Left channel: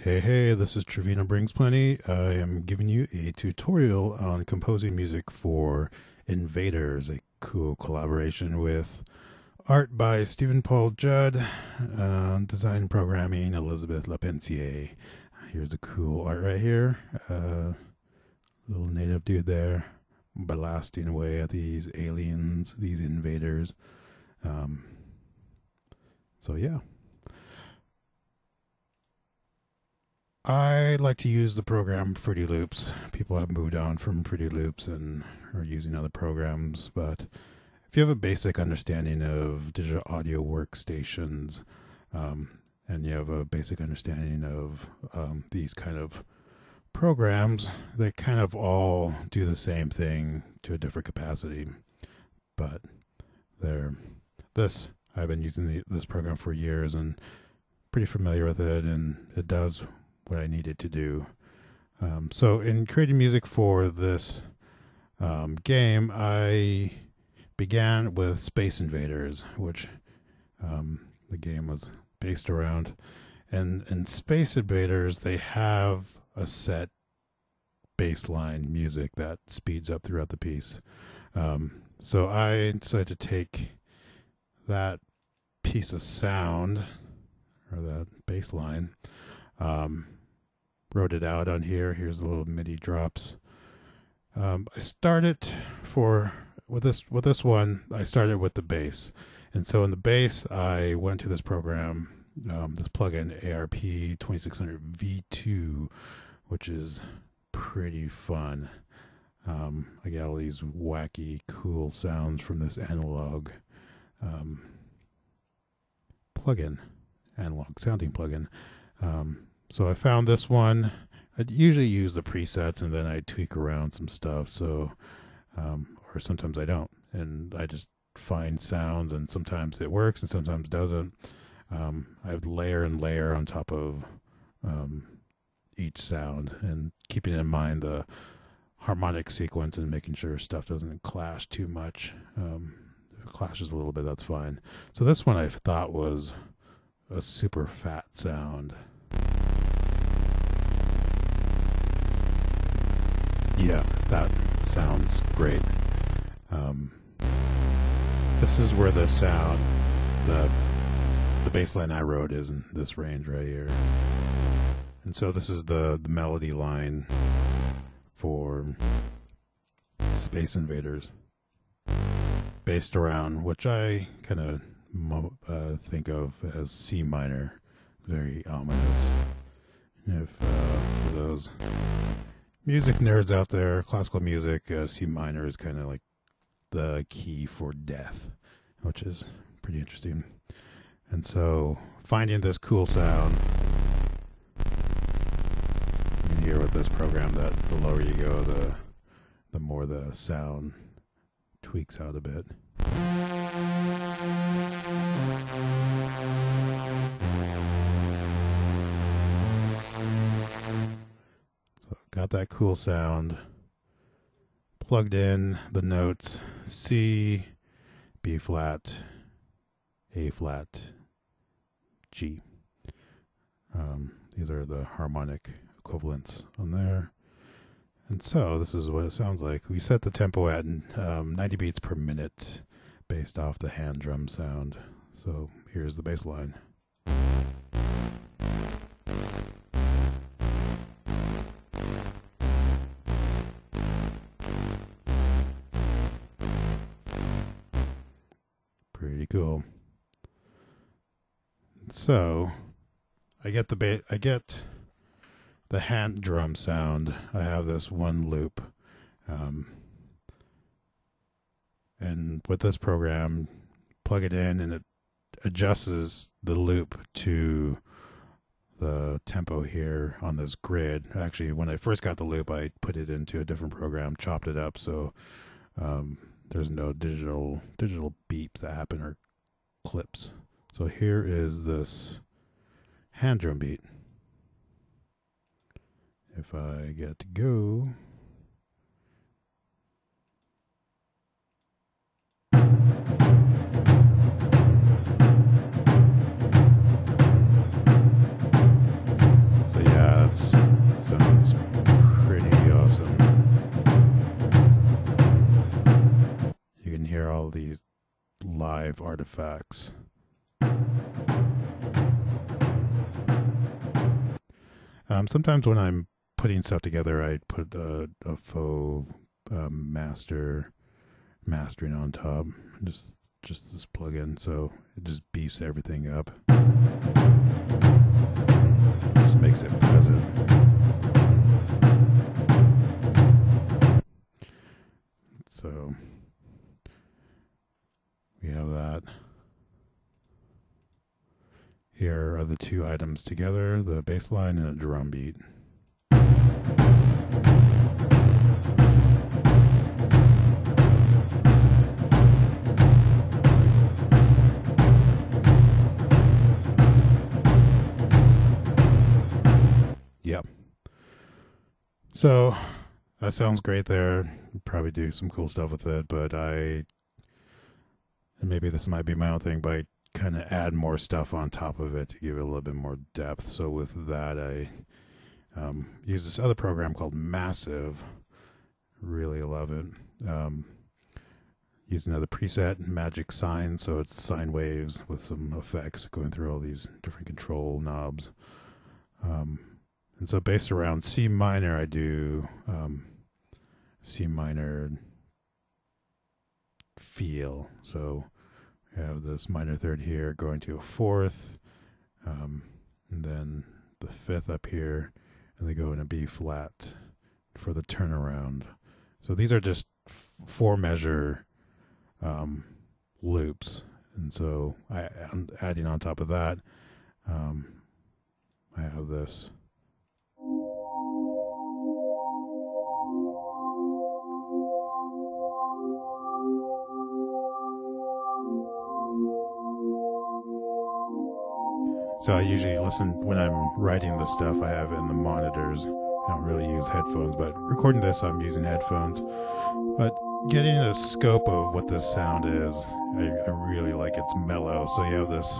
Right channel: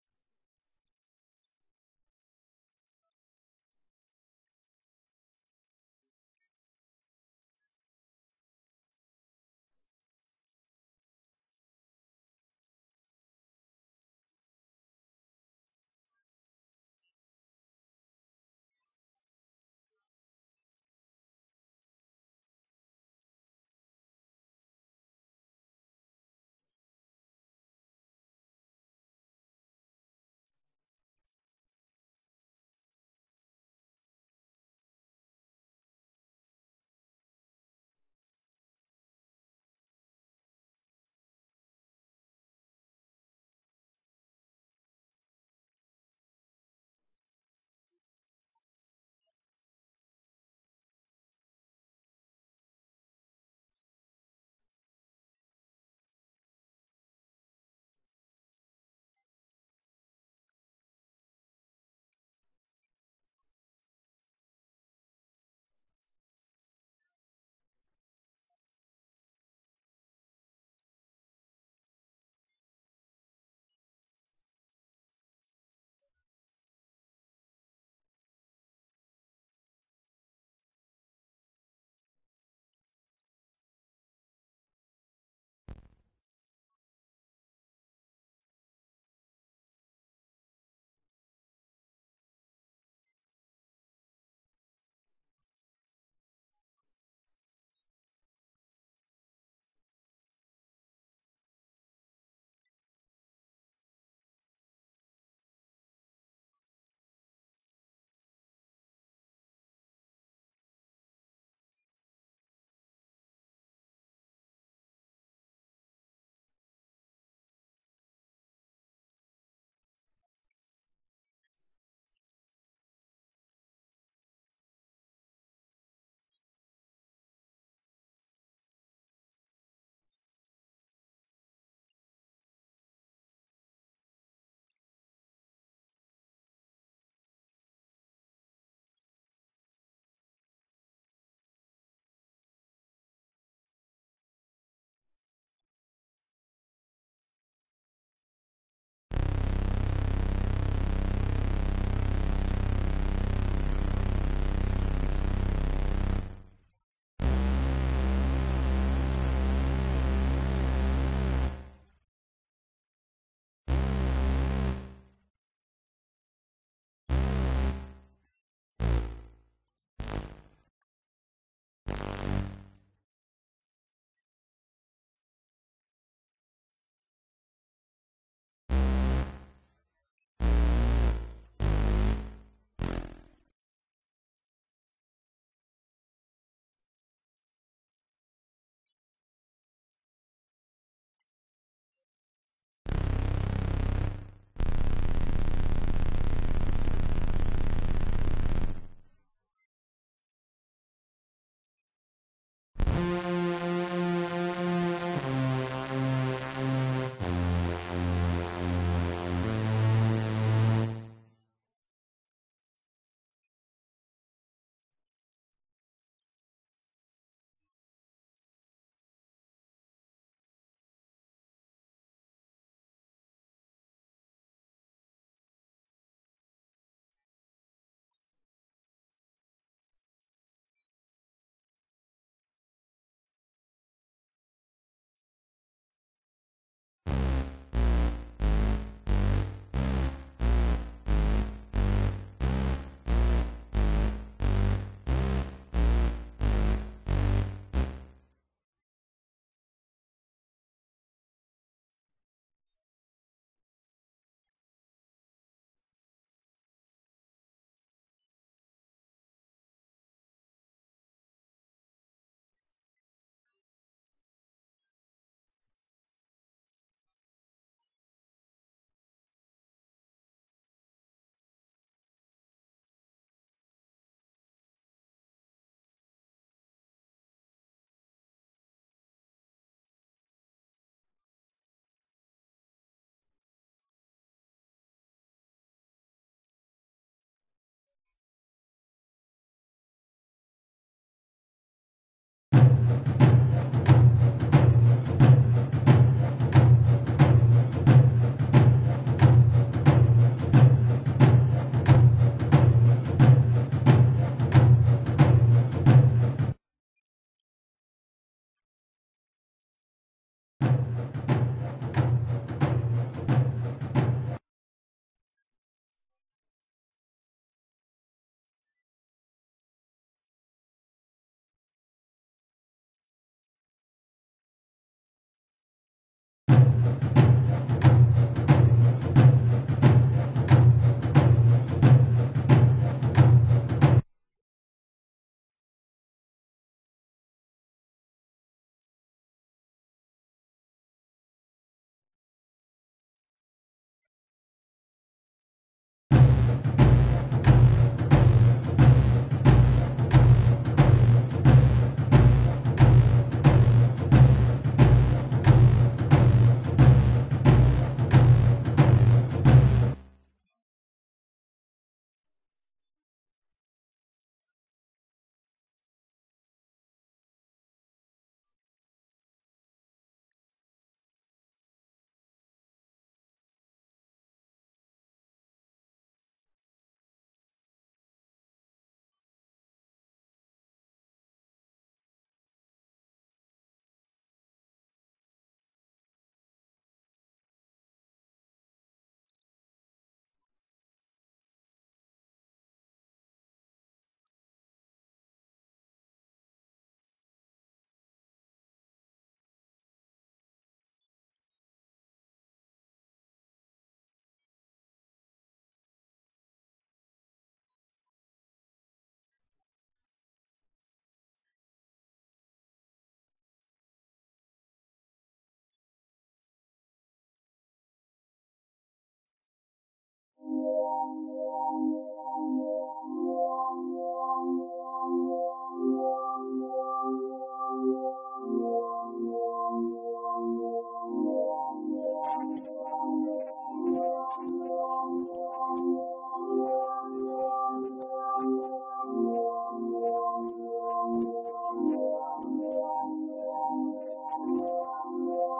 Hey, this is Trevino Brings Plenty. I am giving you a tutorial on composing music for Invaders, a cool collaboration with art by Stephen Paul Judd, design programming Elizabeth Lapensier. Here's a cool art right here. Little native dude there blasting away at these aliens, these invaders. Um, so yeah. I like to use the program Fruity Loops. People have moved on from Fruity Loops and are using other programs, but if you have a basic understanding of digital audio workstations, um, and you have a basic understanding of these kind of programs, they kind of all do the same thing to a different capacity. But they're this I've been using this program for years and pretty familiar with it, and it does what I needed to do. So in creating music for this game, I began with Space Invaders, which the game was based around. And in Space Invaders, they have a set baseline music that speeds up throughout the piece. So I decided to take that piece of sound, or that bass line, wrote it out on here. Here's the little MIDI drops. I started with this one. I started with the bass, and so in the bass, I went to this program, this plugin ARP 2600 V2, which is pretty fun. I get all these wacky, cool sounds from this analog plugin, analog sounding plugin. So I found this one. I'd usually use the presets and then I tweak around some stuff. So, or sometimes I don't, and I just find sounds, and sometimes it works and sometimes doesn't. I would layer and layer on top of each sound, and keeping in mind the harmonic sequence and making sure stuff doesn't clash too much. If it clashes a little bit, that's fine. So this one I thought was a super fat sound. Yeah, that sounds great. This is where the sound, the bass line I wrote is in this range right here. And so this is the melody line for Space Invaders, based around, which I kind of think of as C minor, very ominous. If for those music nerds out there, classical music, C minor is kind of like the key for death, which is pretty interesting. And so finding this cool sound, you hear with this program that the lower you go, the more the sound tweaks out a bit. Got that cool sound, plugged in the notes C, B flat, A flat, G. These are the harmonic equivalents on there. And so this is what it sounds like. We set the tempo at 90 beats per minute based off the hand drum sound. So here's the bass line. Pretty cool. So I get the hand drum sound. I have this one loop, and with this program, plug it in and it adjusts the loop to the tempo here on this grid. Actually, when I first got the loop, I put it into a different program, chopped it up, so there's no digital beeps that happen, or clips. So here is this hand drum beat. If I get it to go, so yeah, artifacts. Sometimes when I'm putting stuff together, I put a faux mastering on top. Just this plugin, so it just beefs everything up. Just makes it pleasant. So we have that. Here are the two items together, the bass line and a drum beat. Yep. So that sounds great there. Probably do some cool stuff with it, but and maybe this might be my own thing, but I kind of add more stuff on top of it to give it a little bit more depth. So with that, I use this other program called Massive. Really love it. Use another preset, Magic Sine, so it's sine waves with some effects going through all these different control knobs. And so based around C minor, I do C minor feel. So I have this minor third here going to a fourth, and then the fifth up here, and they go in a B flat for the turnaround. So these are just 4-measure loops, and so I'm adding on top of that. I have this. So I usually listen when I'm writing the stuff I have in the monitors. I don't really use headphones, but recording this I'm using headphones. But getting a scope of what this sound is, I really like it's mellow. So you have this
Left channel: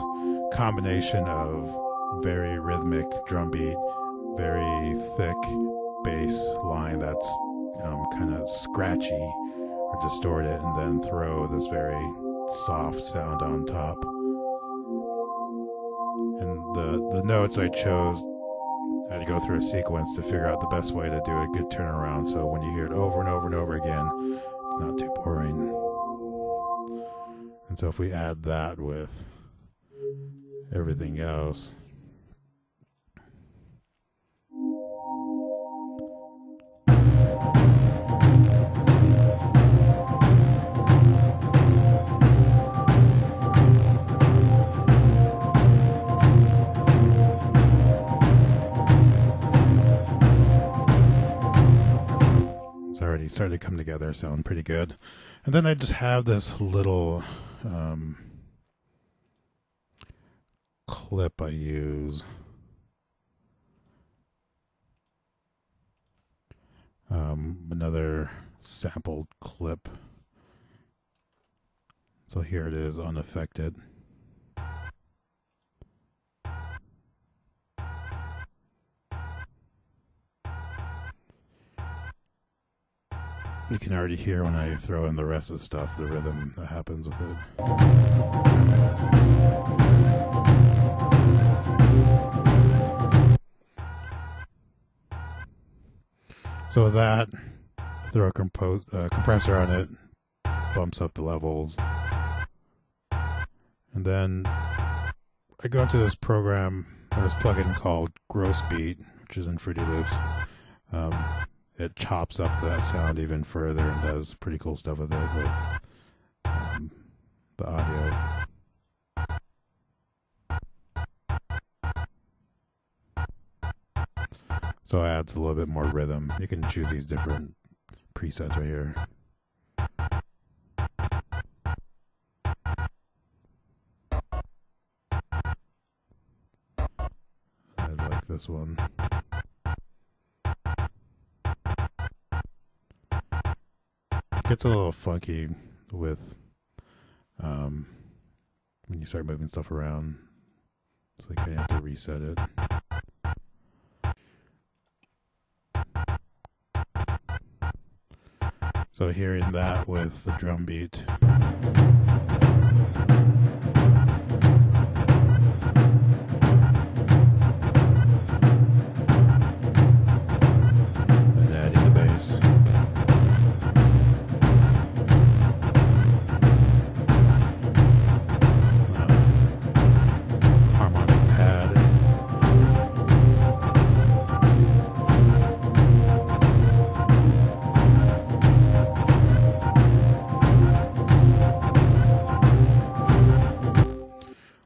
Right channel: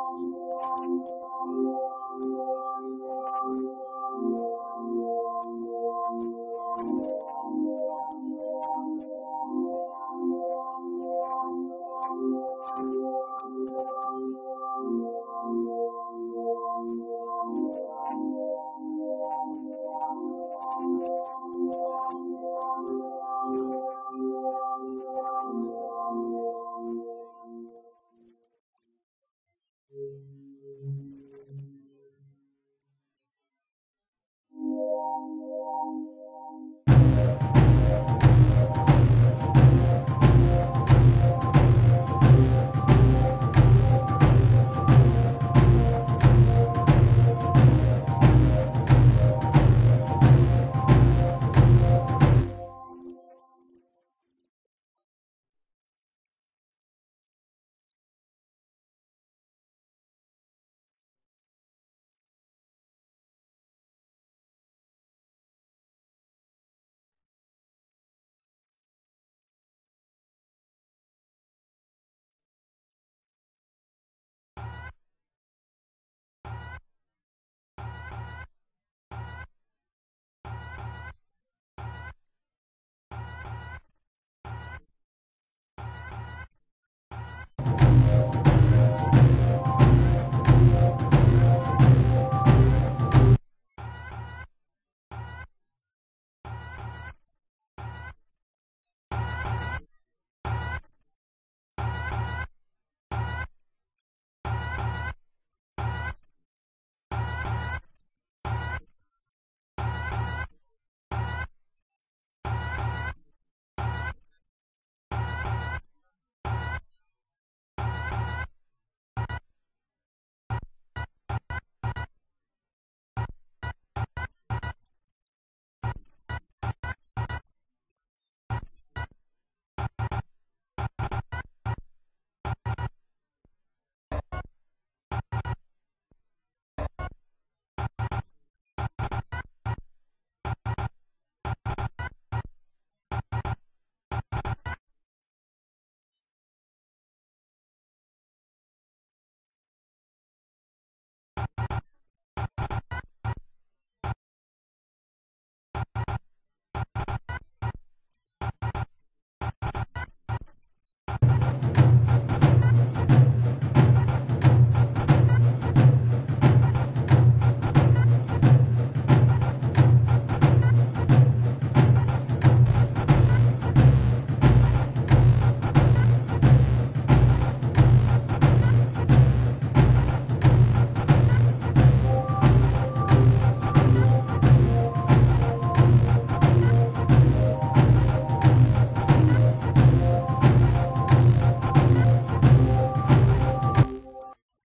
combination of very rhythmic drum beat, very thick bass line that's kind of scratchy or distorted, and then throw this very soft sound on top. And the notes I chose, I had to go through a sequence to figure out the best way to do a good turnaround, so when you hear it over and over and over again, it's not too boring. And so if we add that with everything else, started to come together, sound pretty good. And then I just have this little clip I use. Another sampled clip. So here it is, unaffected. You can already hear when I throw in the rest of the stuff, the rhythm that happens with it. So with that, throw a compressor on it, bumps up the levels. And then I go into this program, this plugin called Gross Beat, which is in Fruity Loops. It chops up that sound even further and does pretty cool stuff with it, with the audio. So it adds a little bit more rhythm. You can choose these different presets right here. I like this one. Gets a little funky with when you start moving stuff around. It's like you have to reset it. So hearing that with the drum beat. And adding the bass. Harmonic pad.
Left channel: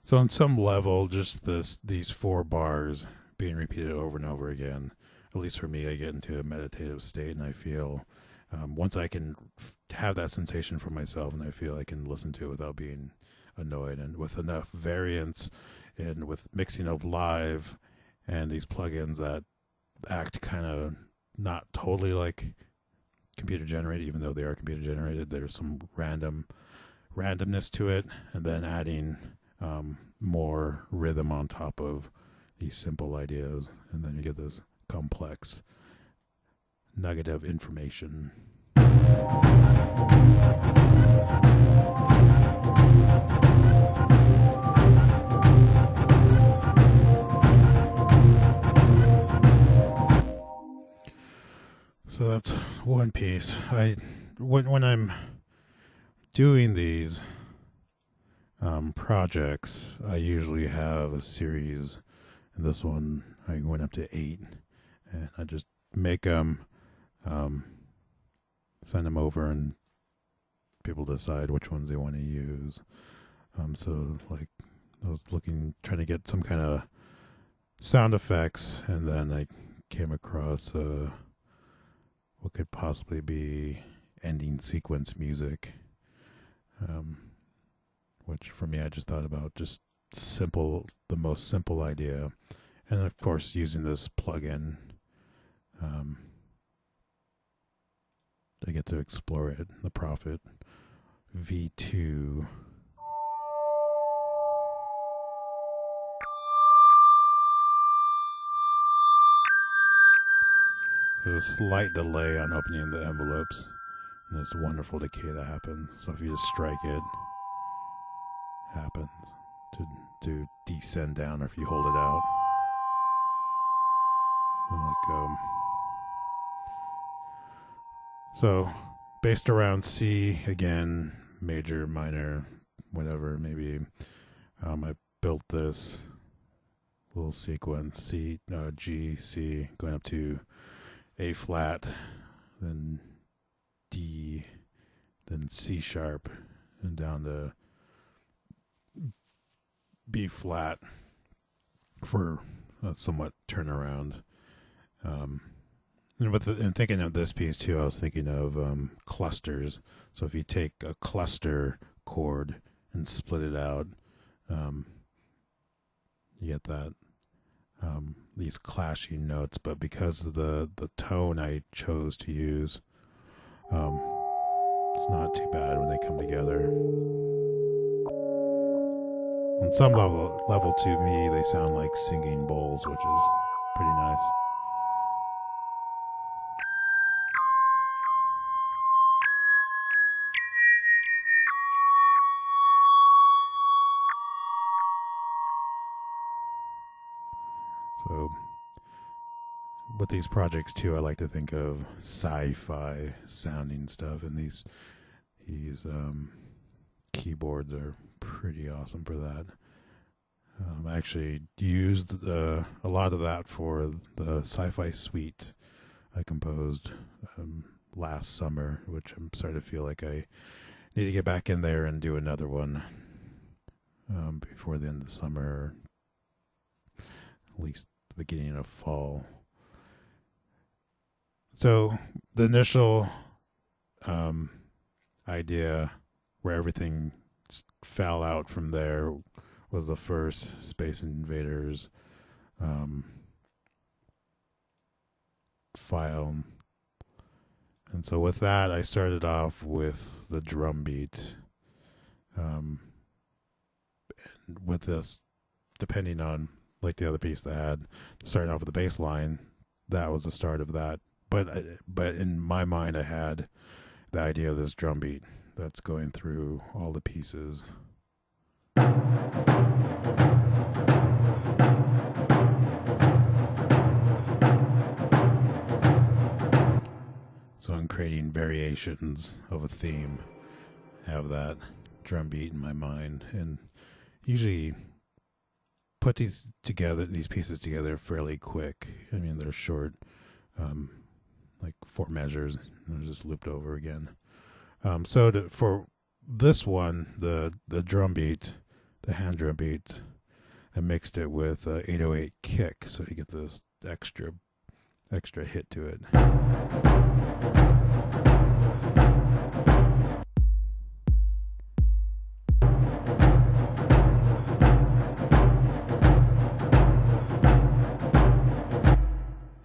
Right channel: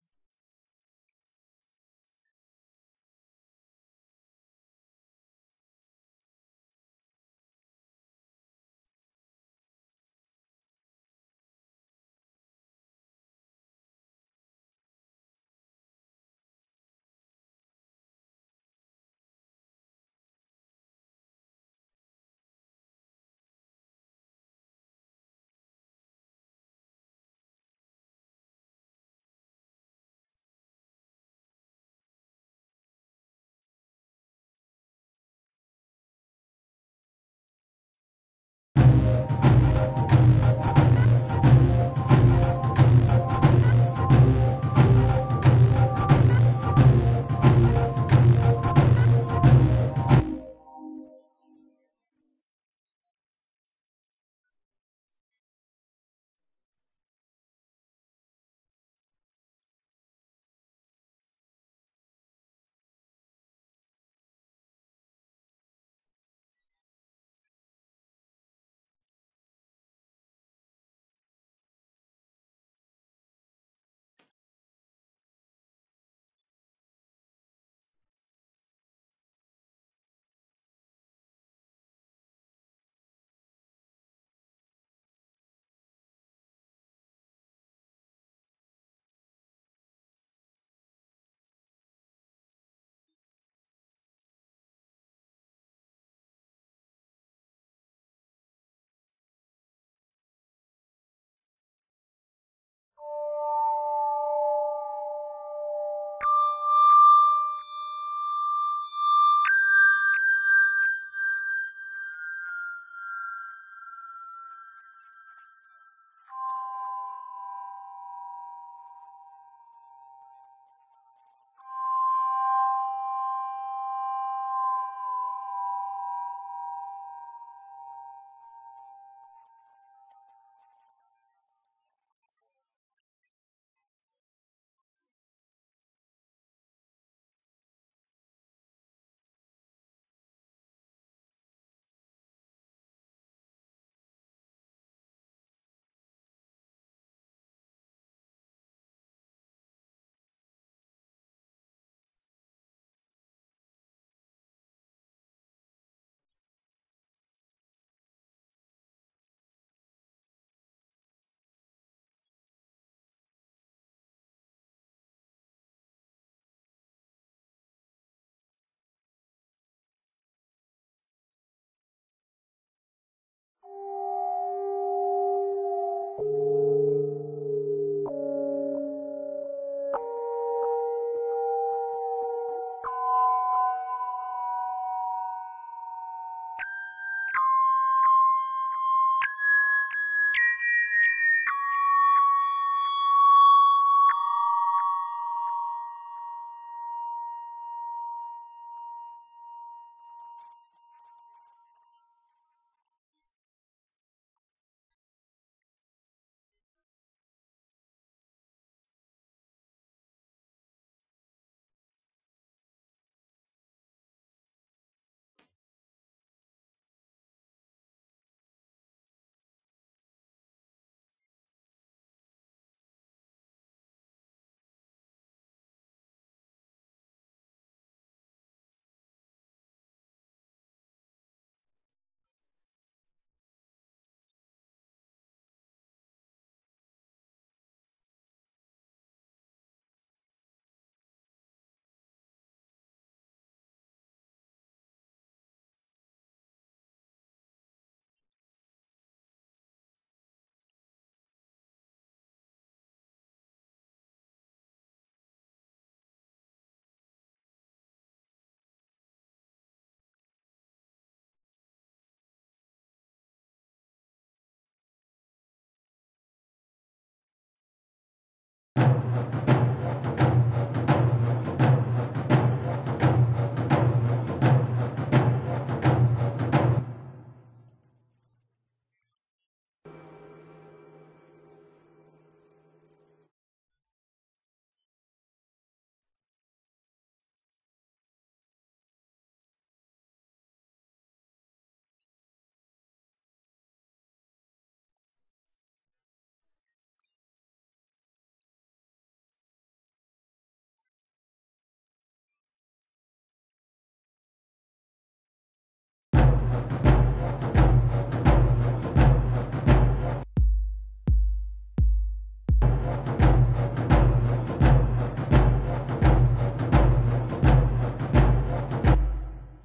So on some level, just these 4 bars being repeated over and over again, at least for me, I get into a meditative state, and I feel once I can have that sensation for myself, and I feel I can listen to it without being annoyed, and with enough variance, and with mixing of live and these plugins that act kind of not totally like computer generated, even though they are computer generated. There's some randomness to it, and then adding more rhythm on top of these simple ideas, and then you get this complex nugget of information. So that's one piece. When I'm doing these projects, I usually have a series, and this one I went up to 8, and I just make them, send them over, and people decide which ones they want to use. So like I was trying to get some kind of sound effects, and then I came across what could possibly be ending sequence music. Which for me, I just thought about just the most simple idea. And of course, using this plugin, I get to explore it, the Prophet V2. There's a slight delay on opening the envelopes, and this wonderful decay that happens. So if you just strike it, happens to descend down, or if you hold it out and let go. So based around C again, major, minor, whatever, maybe. I built this little sequence: C, G, C, going up to A flat, then D, then C sharp, and down to B flat for a somewhat turnaround. And thinking of this piece too, I was thinking of clusters. So if you take a cluster chord and split it out, you get that these clashing notes. But because of the tone I chose to use, it's not too bad when they come together. On some level to me, they sound like singing bowls, which is pretty nice. So with these projects too, I like to think of sci-fi sounding stuff, and these keyboards are pretty awesome for that. I actually used a lot of that for the sci-fi suite I composed last summer, which I'm starting to feel like I need to get back in there and do another one before the end of the summer, or at least the beginning of fall. So the initial idea where everything fell out from there was the first Space Invaders file. And so with that, I started off with the drum beat. And with this, depending on like the other piece that had, starting off with the bass line, that was the start of that. But in my mind, I had the idea of this drum beat that's going through all the pieces. So I'm creating variations of a theme, have that drum beat in my mind, and usually put these pieces together fairly quick. I mean, they're short, like 4 measures, and they're just looped over again. For this one, the drum beat, the hand drum beat, I mixed it with 808 kick, so you get this extra hit to it.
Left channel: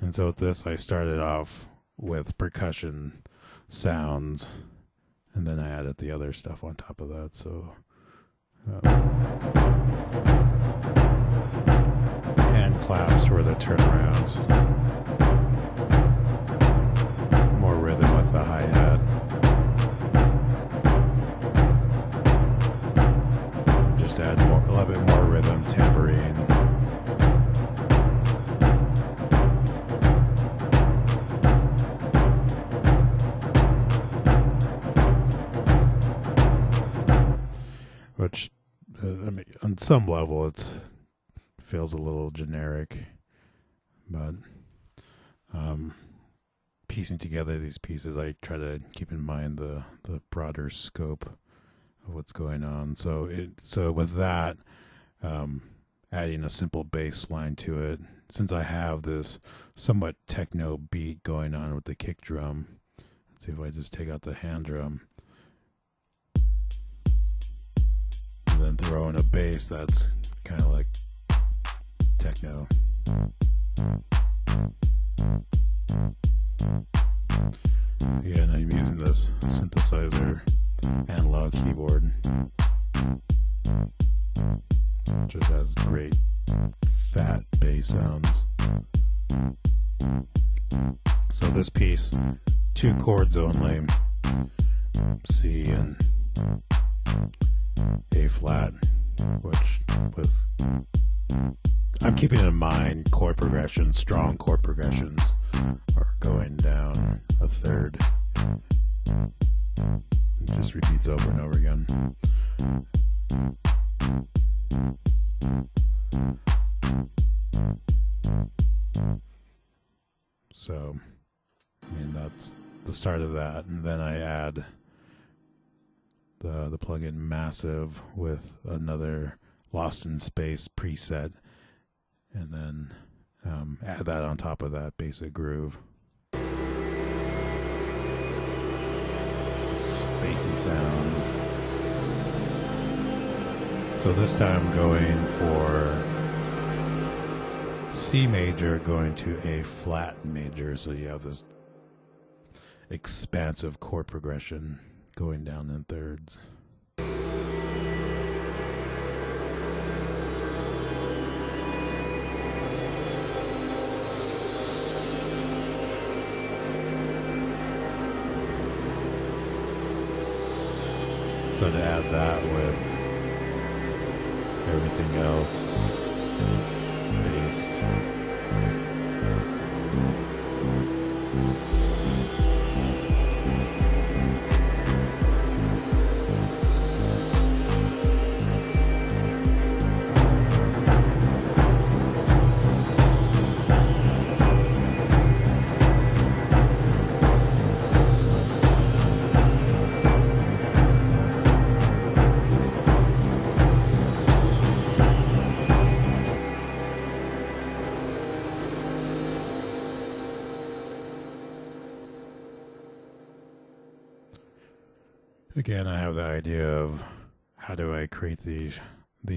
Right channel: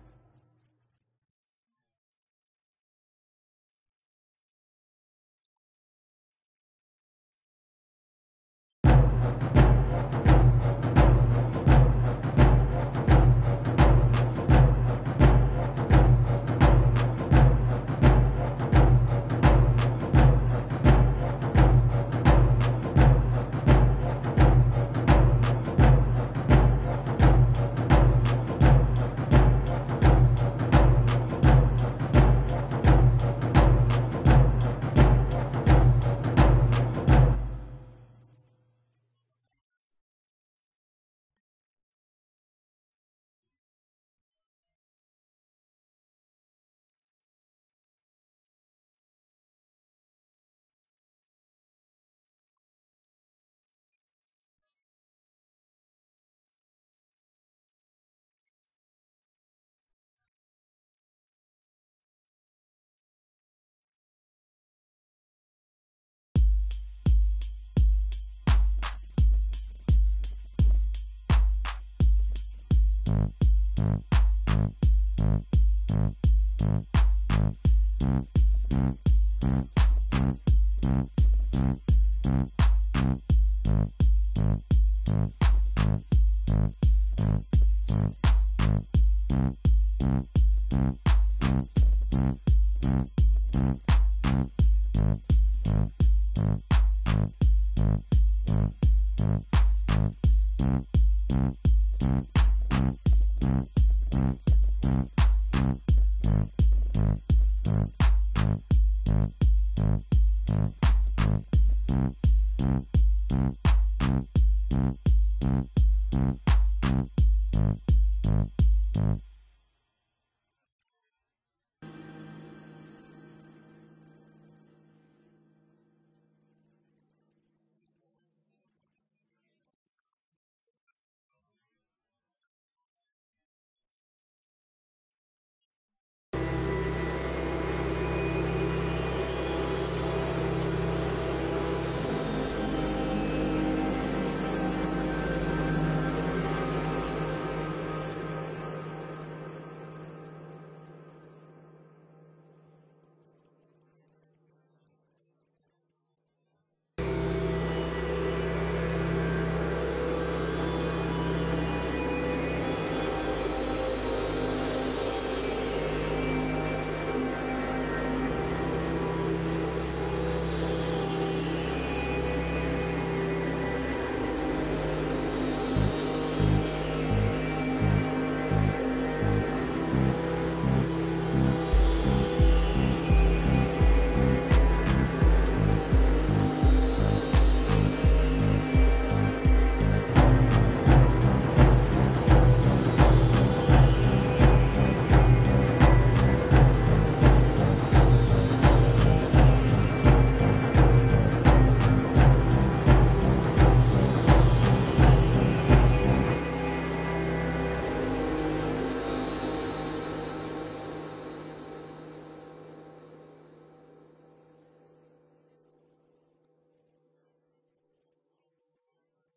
And so with this, I started off with percussion sounds, and then I added the other stuff on top of that. So hand claps were the turnarounds. More rhythm with the hi-hat. Just add a little bit more rhythm, tambourine. Which, I mean, on some level, it feels a little generic, but piecing together these pieces, I try to keep in mind the broader scope of what's going on. So with that, adding a simple bass line to it, since I have this somewhat techno beat going on with the kick drum. Let's see if I just take out the hand drum. Then throw in a bass that's kind of like techno. Again, I'm using this synthesizer analog keyboard. Just has great fat bass sounds. So this piece, 2 chords only, C and A flat, which with I'm keeping in mind chord progressions, strong chord progressions are going down a third. It just repeats over and over again. So, I mean, that's the start of that, and then I add the plugin Massive with another Lost in Space preset, and then add that on top of that basic groove. Spacey sound. So this time going for C major going to A flat major, so you have this expansive chord progression going down in thirds. So to add that with everything else, again, I have the idea of how do I create these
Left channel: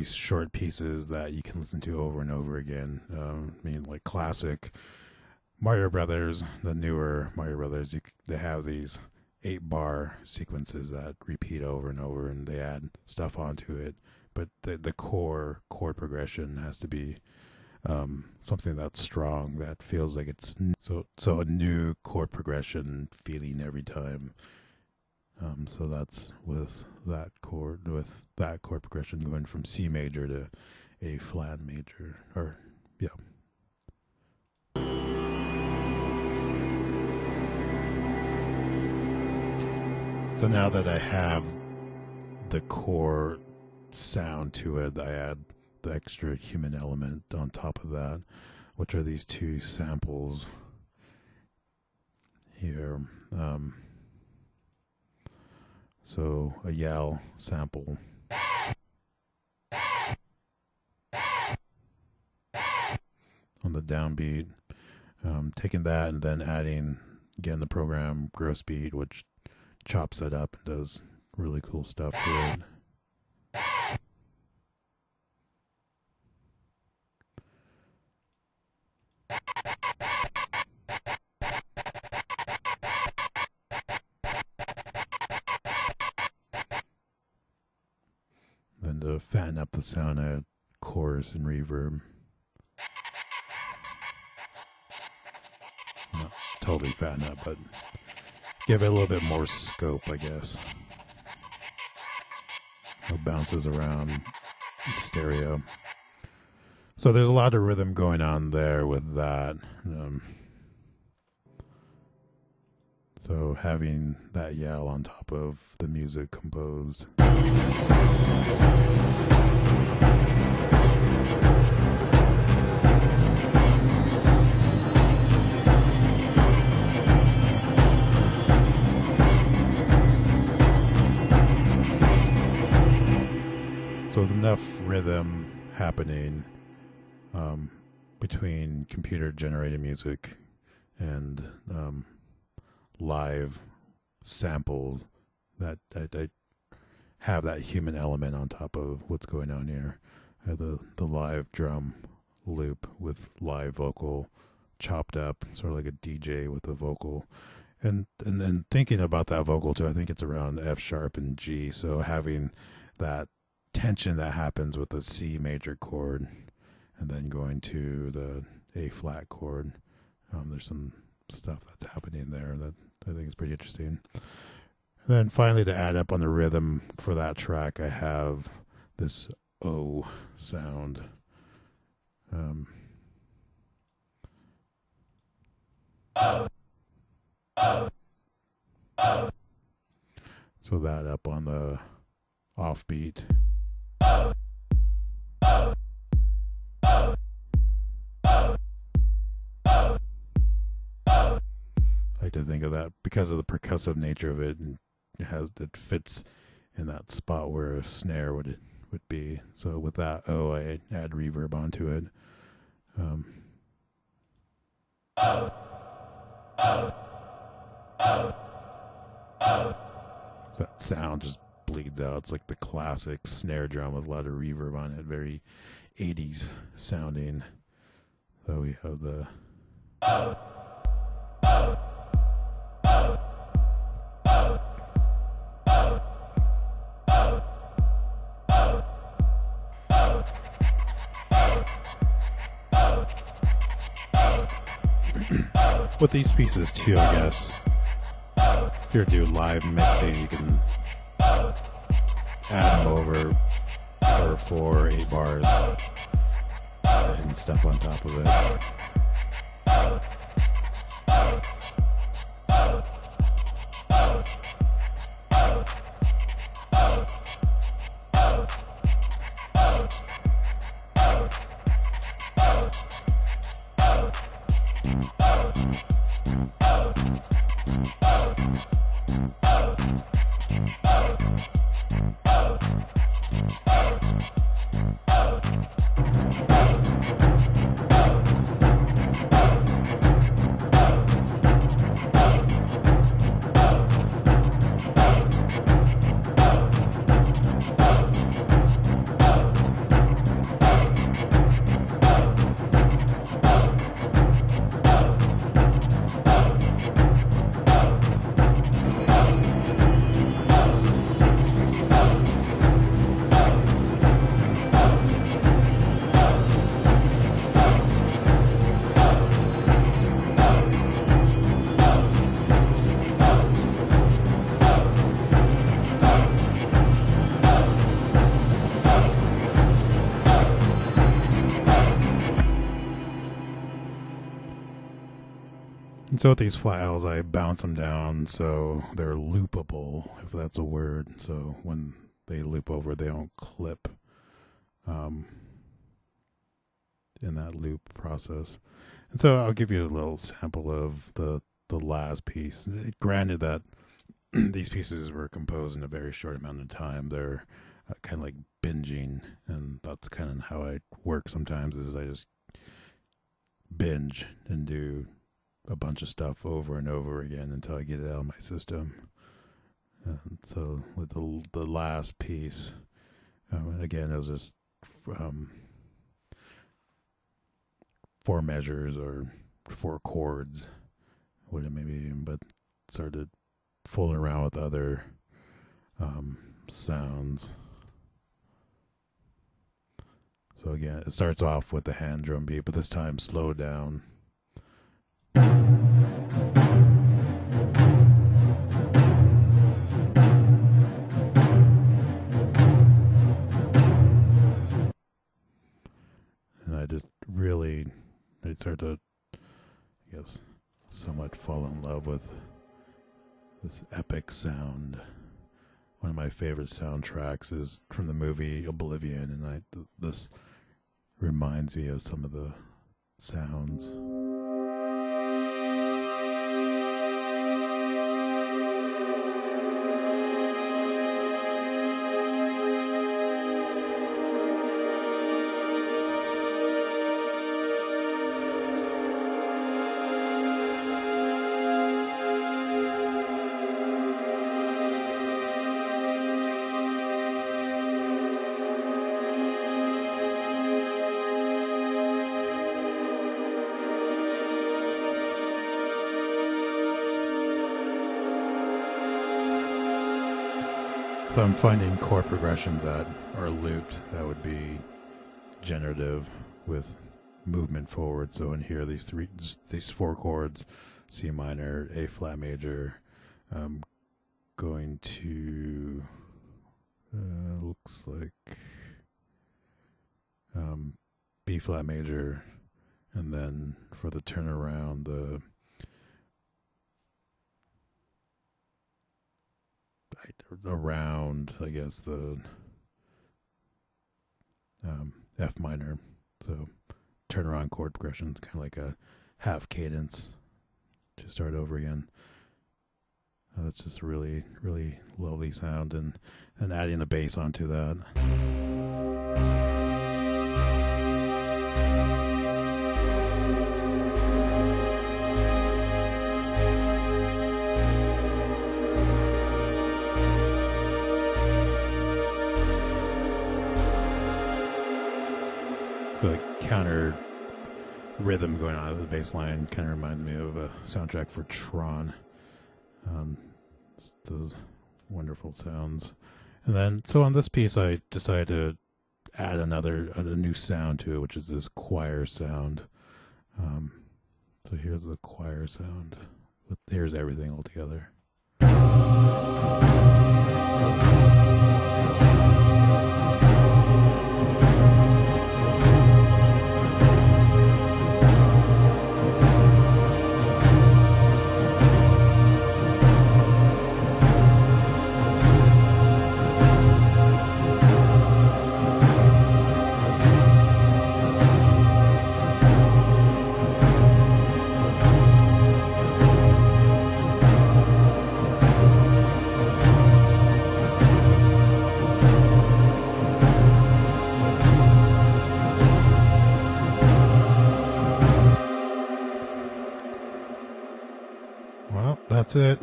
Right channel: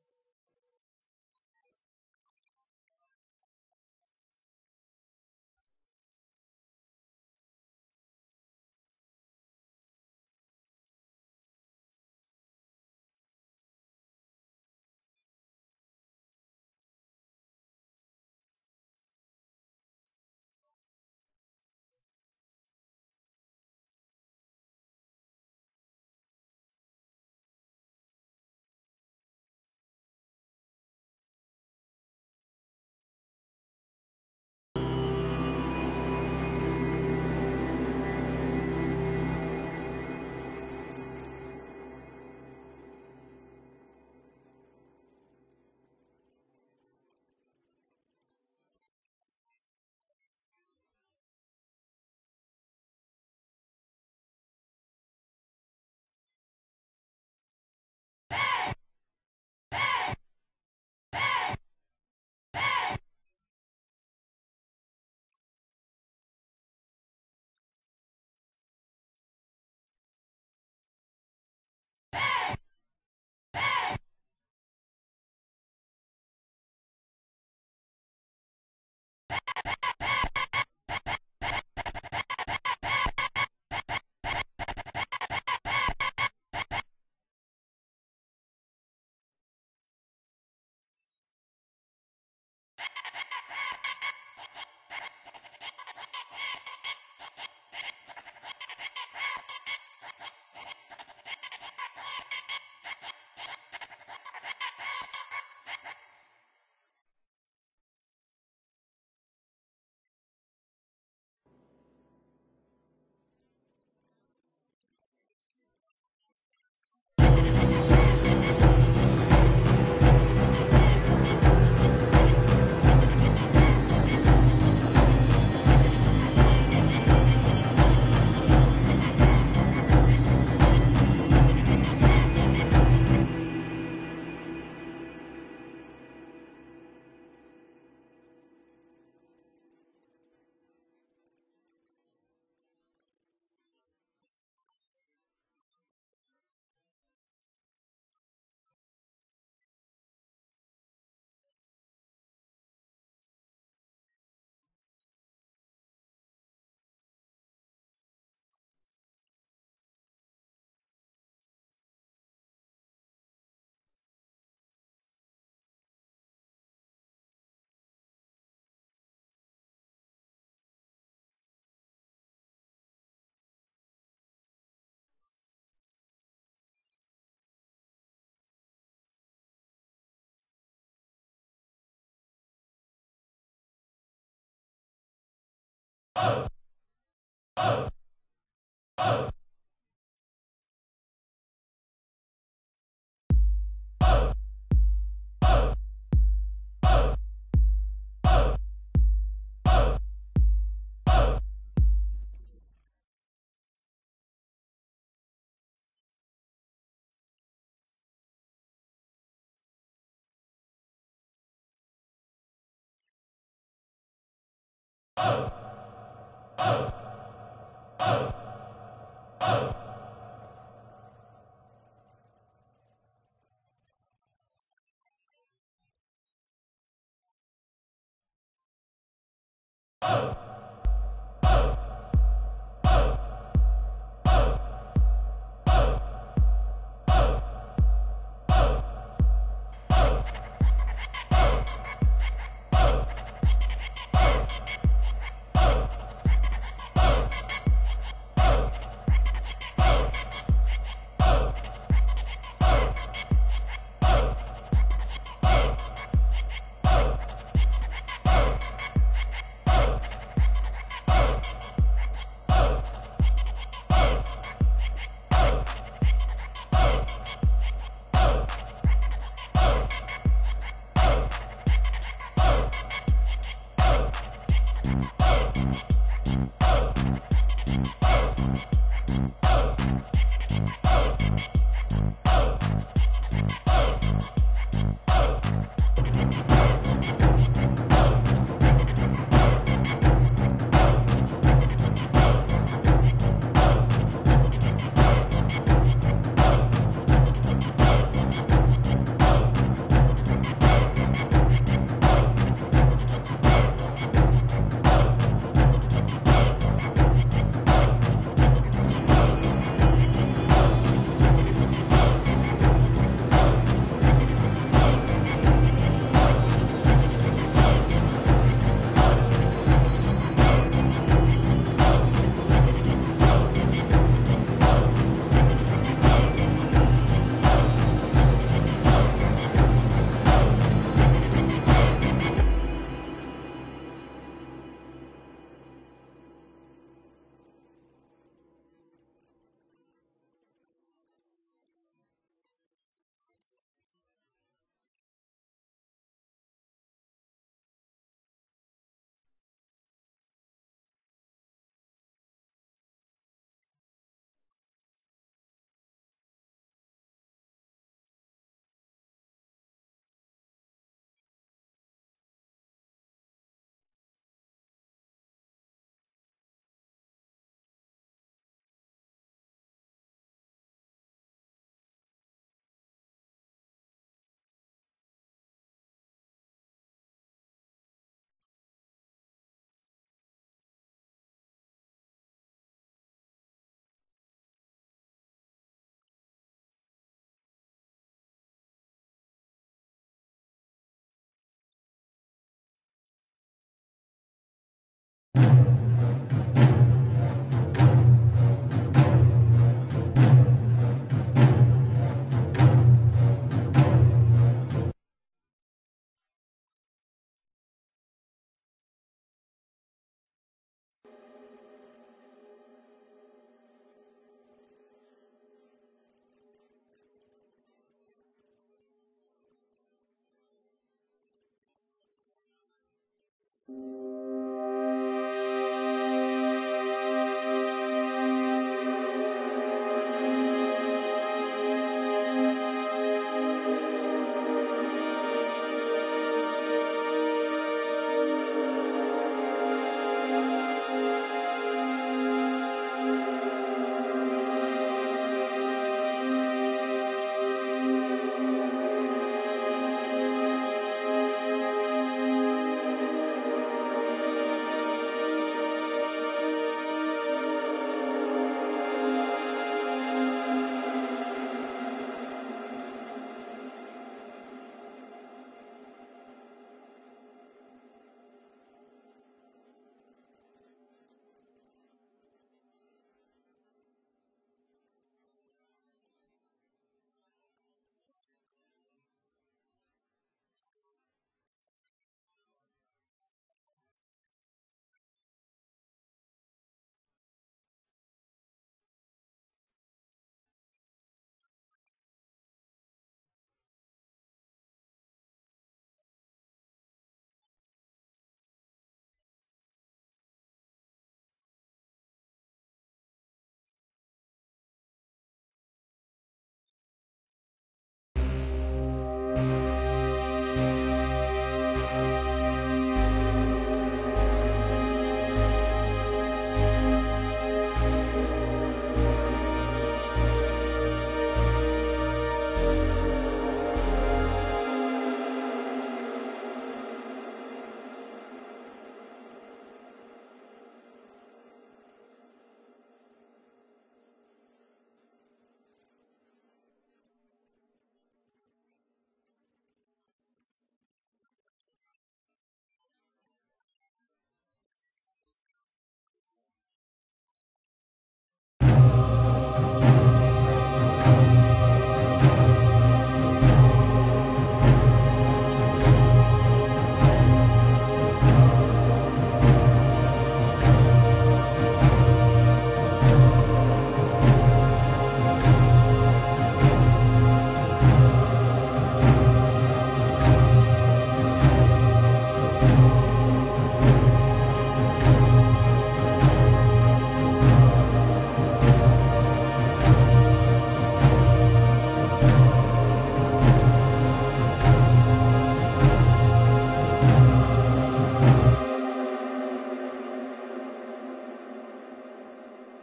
short pieces that you can listen to over and over again. I mean, like classic Mario Brothers, the newer Mario Brothers, they have these 8-bar sequences that repeat over and over, and they add stuff onto it. But the core chord progression has to be something that's strong, that feels like it's so a new chord progression feeling every time. So that's with that chord progression going from C major to A flat major, or yeah. So now that I have the core sound to it, I add the extra human element on top of that, which are these two samples here. So a yell sample. On the downbeat, taking that and then adding again the program gross beat, which chops it up and does really cool stuff to it. Then to fatten up the sound, I add chorus and reverb. Not totally fatten up, but give it a little bit more scope, I guess. It bounces around stereo. So there's a lot of rhythm going on there with that. So having that yell on top of the music composed. So with enough rhythm happening between computer-generated music and live samples, that I have that human element on top of what's going on here. I have the live drum loop with live vocal chopped up, sort of like a DJ with a vocal. And then thinking about that vocal too, I think it's around F sharp and G. So having that tension that happens with the C major chord and then going to the A flat chord. There's some stuff that's happening there that I think is pretty interesting. And then finally, to add up on the rhythm for that track, I have this O sound. So that up on the offbeat. I like to think of that because of the percussive nature of it, and it fits in that spot where a snare would be. So with that O, I add reverb onto it. So that sound just bleeds out. It's like the classic snare drum with a lot of reverb on it, very 80s sounding. So we have the with these pieces too, I guess. If you're doing live mixing, you can add them over 4 or 8 bars and stuff on top of it. And so with these files, I bounce them down so they're loopable, if that's a word. So when they loop over, they don't clip in that loop process. And so I'll give you a little sample of the last piece. Granted that these pieces were composed in a very short amount of time. They're kind of like binging, and that's kind of how I work sometimes, is I just binge and do a bunch of stuff over and over again until I get it out of my system. And so with the last piece, again, it was just 4 measures or 4 chords, what it may be, but started fooling around with other sounds. So again, it starts off with the hand drum beat, but this time slowed down. And I just really, I started to, I guess, somewhat fall in love with this epic sound. One of my favorite soundtracks is from the movie Oblivion, and this reminds me of some of the sounds. So I'm finding chord progressions that are looped that would be generative with movement forward. So in here, these 4 chords: C minor, A flat major, going to looks like B flat major, and then for the turnaround, around, I guess, the F minor. So turnaround chord progressions, kind of like a half cadence to start over again. That's just really, really lovely sound, and adding the bass onto that. The counter rhythm going on the bass line kind of reminds me of a soundtrack for Tron. Those wonderful sounds. And then, so on this piece, I decided to add a new sound to it, which is this choir sound. So here's the choir sound. Here's everything all together. Well, that's it.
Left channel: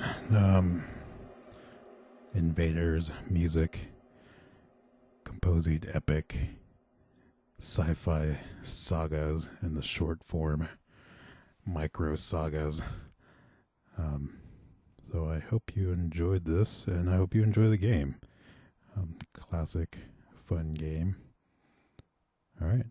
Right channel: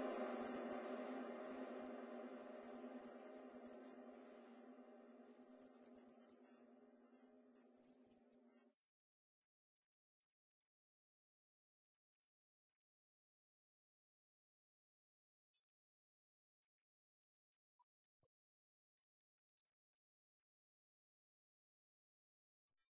Invaders music, composing epic sci-fi sagas in the short form micro sagas. So I hope you enjoyed this, and I hope you enjoy the game. Classic, fun game. All right.